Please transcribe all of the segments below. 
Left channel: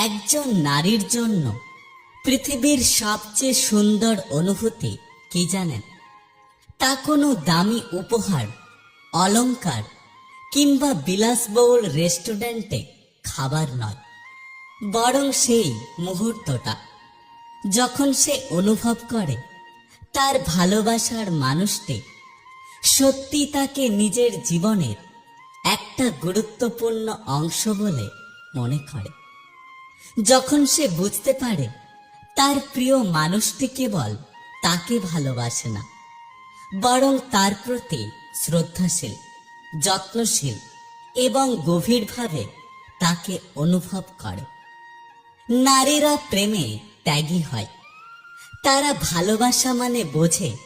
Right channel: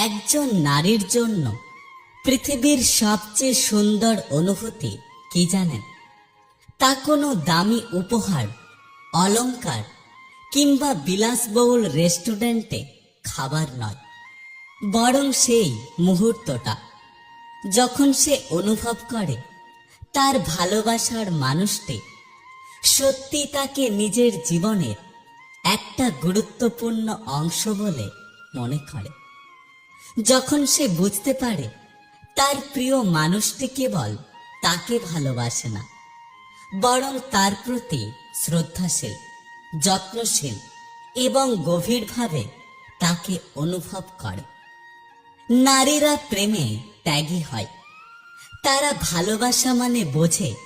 একজন নারীর জন্য পৃথিবীর সবচেয়ে সুন্দর অনুভূতি কি জানেন? তা কোনো দামি উপহার, অলংকার কিংবা বিলাসবহুল রেস্টুরেন্টে খাবার নয়, বরং সেই মুহূর্তটা। যখন সে অনুভব করে, তার ভালোবাসার মানুষটি সত্যি তাকে নিজের জীবনের একটা গুরুত্বপূর্ণ অংশ বলে মনে করে। যখন সে বুঝতে পারে তার প্রিয় মানুষটি কেবল তাকে ভালোবাসে না, বরং তার প্রতি শ্রদ্ধাশীল, যত্নশীল এবং গভীরভাবে তাকে অনুভব করে। নারীরা প্রেমে ত্যাগী হয়। তারা ভালোবাসা মানে বোঝে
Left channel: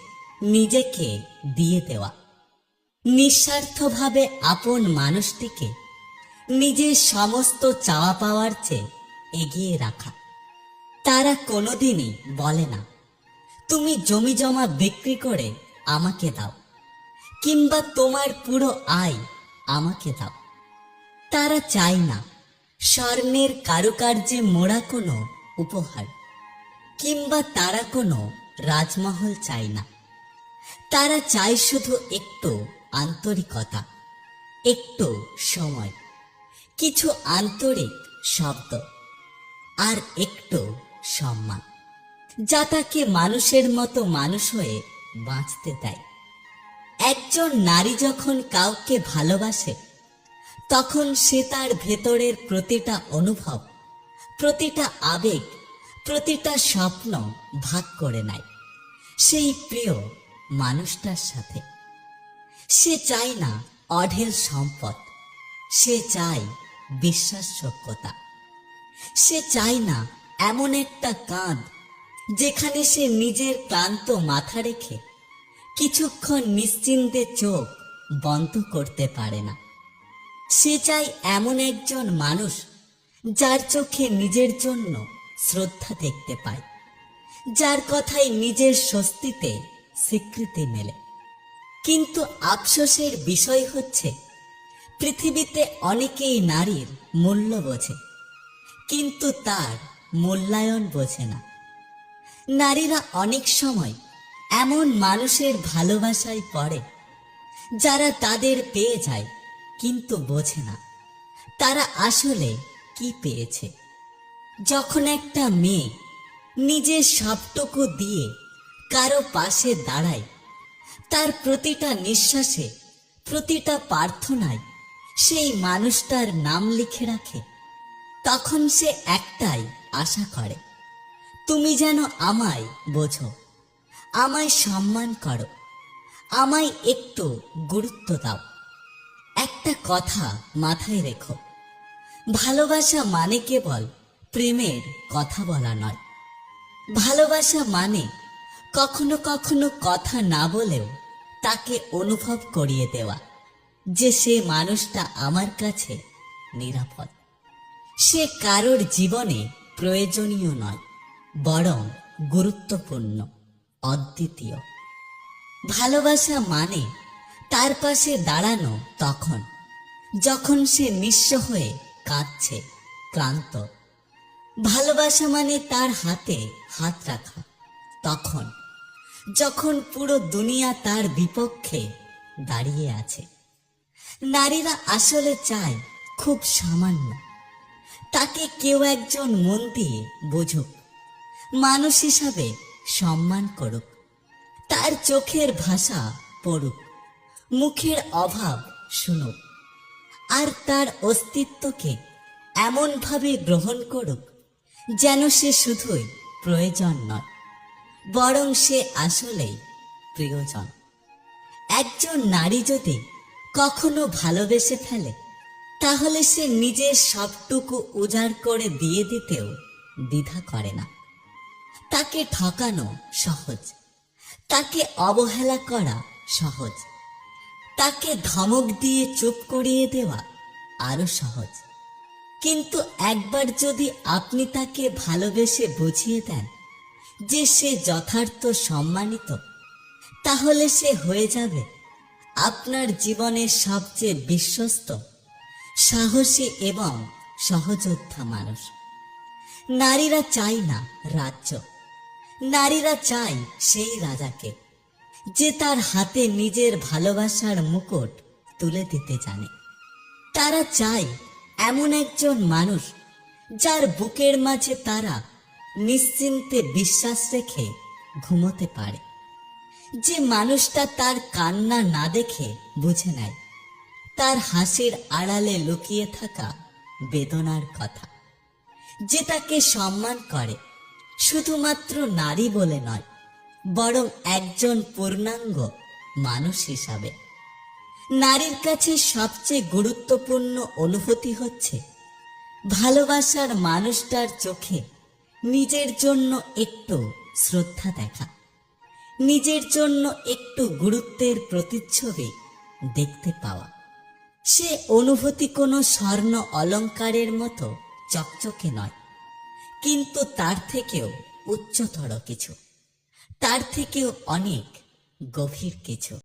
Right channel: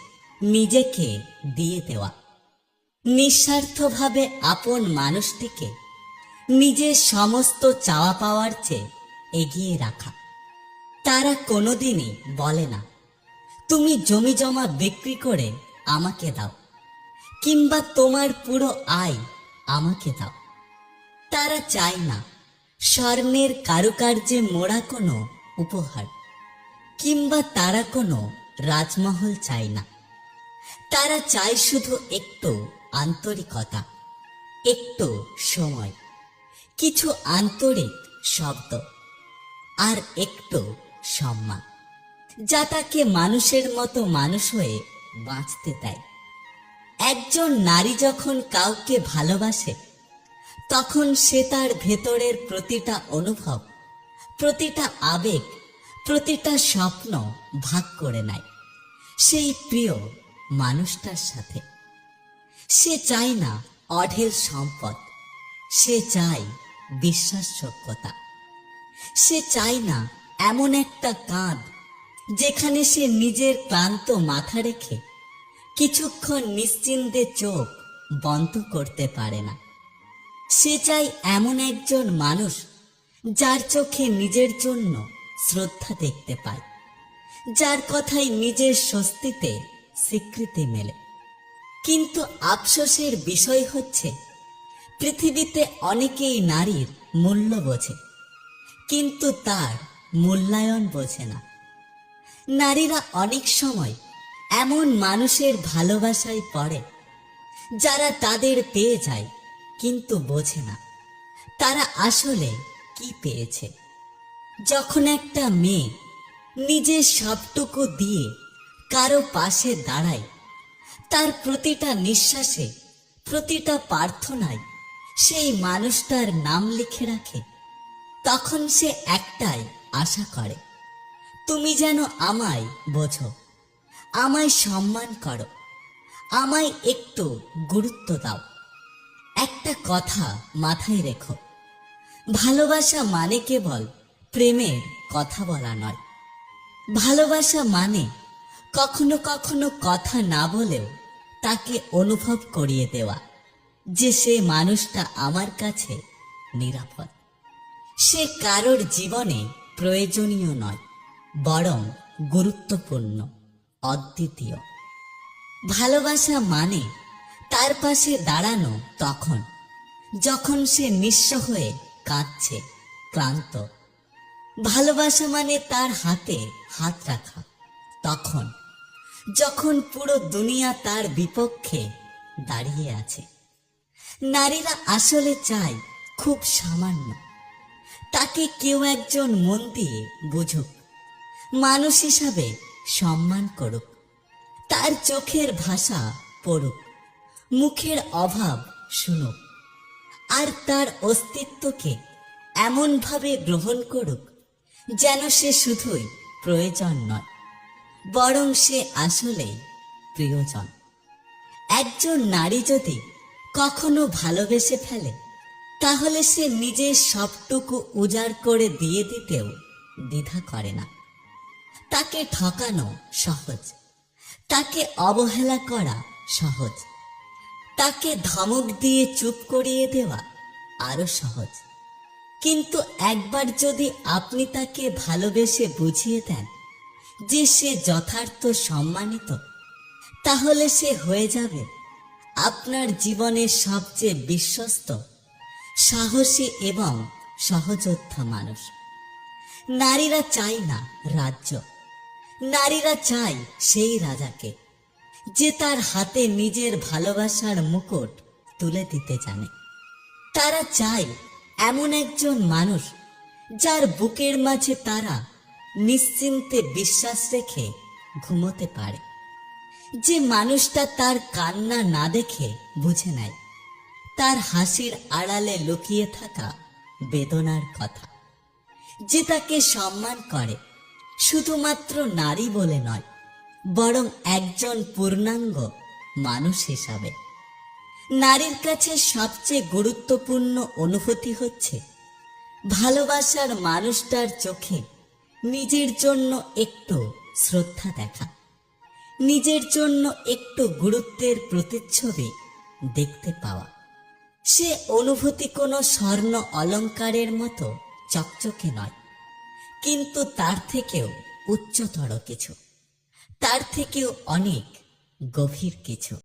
নিজেকে দিয়ে দেওয়া। নিঃস্বার্থভাবে আপন মানুষটিকে নিজের সমস্ত চাওয়া পাওয়ার চেয়ে এগিয়ে রাখা। তারা কোনোদিনই বলে না, তুমি জমি জমা বিক্রি করে আমাকে দাও, কিংবা তোমার পুরো আয় আমাকে দাও। তারা চায় না স্বর্ণের কারুকার্যে মোড়া কোনো উপহার, কিংবা তারা কোনো রাজমহল চায় না। তারা চায় শুধু একটু আন্তরিকতা, একটু সময়, কিছু আন্তরিক শব্দ। আর একটু সম্মান। যা তাকে মানুষের মতো মানুষ হয়ে বাঁচতে দেয়। একজন নারী যখন কাউকে ভালোবাসে, তখন সে তার ভেতরের প্রতিটা অনুভব, প্রতিটা আবেগ, প্রতিটা স্বপ্ন ভাগ করে নেয় সেই প্রিয় মানুষটার সাথে। সে চায় না অঢেল সম্পদ, সে চায় বিশ্বাসযোগ্যতা। সে চায় না এমন একটা কাঁধ যেখানে সে নিজের ক্লান্ত মাথা রেখে কিছুক্ষণ নিশ্চিন্তে চোখ বন্ধ করতে পারে না। সে চাই এমন একজন মানুষ যার চোখে নিজের জন্য শ্রদ্ধা দেখতে পায়, যার কথায় নিজের স্বস্তিতে স্বীকৃতি মেলে। কিন্তু আফসোসের বিষয় হচ্ছে, পৃথিবীতে অনেকেই নারীর মূল্য বোঝে। কিন্তু তার মূল্যায়ন বোঝে না। নারীরা অনেক সময় এমন মানুষের ভালোবাসায় পড়ে, যারা তাদের পেয়ে যায় কিন্তু বোঝে না। তারা আসলে কি পেয়েছে? যখন একটা মেয়ে নিজের সবটুকু দিয়ে কারও পাশে দাঁড়ায়, তার প্রতিটা নিঃশ্বাসে, প্রতিটা প্রার্থনায় সেই মানুষটার নাম লিখে রাখে। তখন সে একটাই আশা করে, তুমি যেন আমায় বোঝো, আমায় সম্মান করো, আমায় একটু গুরুত্ব দাও। একটা কথা মাথায় রেখো, ভালোবাসা মানে কেবল প্রেমের কথা বলা নয়। ভালোবাসা মানে কখনো কখনো কথা না বলেও তাকে অনুভব করিয়ে দেওয়া, যে সে মানুষটা আমার কাছে নিরাপদ। সে কারোর জীবনে প্রয়োজনীয় নয়, বরং গুরুত্বপূর্ণ, অদ্বিতীয়। ভালোবাসা মানে তার পাশে দাঁড়ানো তখন, যখন সে নিঃস্ব হয়ে কাঁদছে, ক্লান্ত। ভালোবাসা মানে তার হাতে হাত রাখা, তখন, যখন পুরো দুনিয়া তার বিপক্ষে দাঁড়িয়ে আছে। নারীরা আসলে চায় খুব সামান্য তাকে কেউ একজন মন দিয়ে বুঝুক। মানুষ হিসাবে সম্মান করুক। তার চোখের ভাষা পড়ুক। মুখের অভাব শুনুক। আর তার অস্তিত্বকে এমনভাবে গ্রহণ করুক যেন সে শুধুই প্রয়োজন নয়, বরং সে আসলেই প্রিয়জন। একজন নারী যদি কখনো ভালোবেসে ফেলে তাহলে সে নিজের সবটুকু উজাড় করে দিয়ে দিতেও দ্বিধা করে না। তাকে ঠকানো সহজ, তাকে অবহেলা করা সহজ, তাকে ধমক দিয়ে চুপ করিয়ে দেওয়া আরও সহজ। কিন্তু একবার যদি আপনি তাকে ভালোবেসে বুঝিয়ে দেন যে সে যথার্থ সম্মানিত, তাহলে সে হয়ে যাবে আপনার জীবনের সবচেয়ে বিশ্বস্ত সাহসী এবং সহযোদ্ধা মানুষ। নারীরা চাই না রাজ্য। নারীরা চাই সেই রাজাকে, যে তার হাতে নিজের ভালোবাসার মুকুট তুলে দিতে জানে। তারা চাই এমন একজন মানুষ যার বুকের মাঝে তারা নিশ্চিন্তে বিশ্বাস রেখে ঘুমোতে পারে। যে মানুষটা তার কান্না না দেখে বুঝে নেয়। তার হাসির আড়ালে লুকিয়ে থাকা বেদনার কথা। যে তাকে সম্মান করে, শুধুমাত্র নারী বলে নয়, বরং একজন পূর্ণাঙ্গ মানুষ হিসাবে। নারীর কাছে সবচেয়ে গুরুত্বপূর্ণ অনুভূতি হচ্ছে, ভালোবাসার মানুষটার চোখে নিজের জন্য একটু শ্রদ্ধা দেখা, নিজের জন্য একটু গুরুত্বের প্রতিচ্ছবি দেখতে পাওয়া। সে অনুভূতি কোনো স্বর্ণ অলঙ্কারের মতো চকচকে নয়। কিন্তু তার থেকেও উচ্চতর কিছু। তার থেকেও অনেক গভীর কিছু।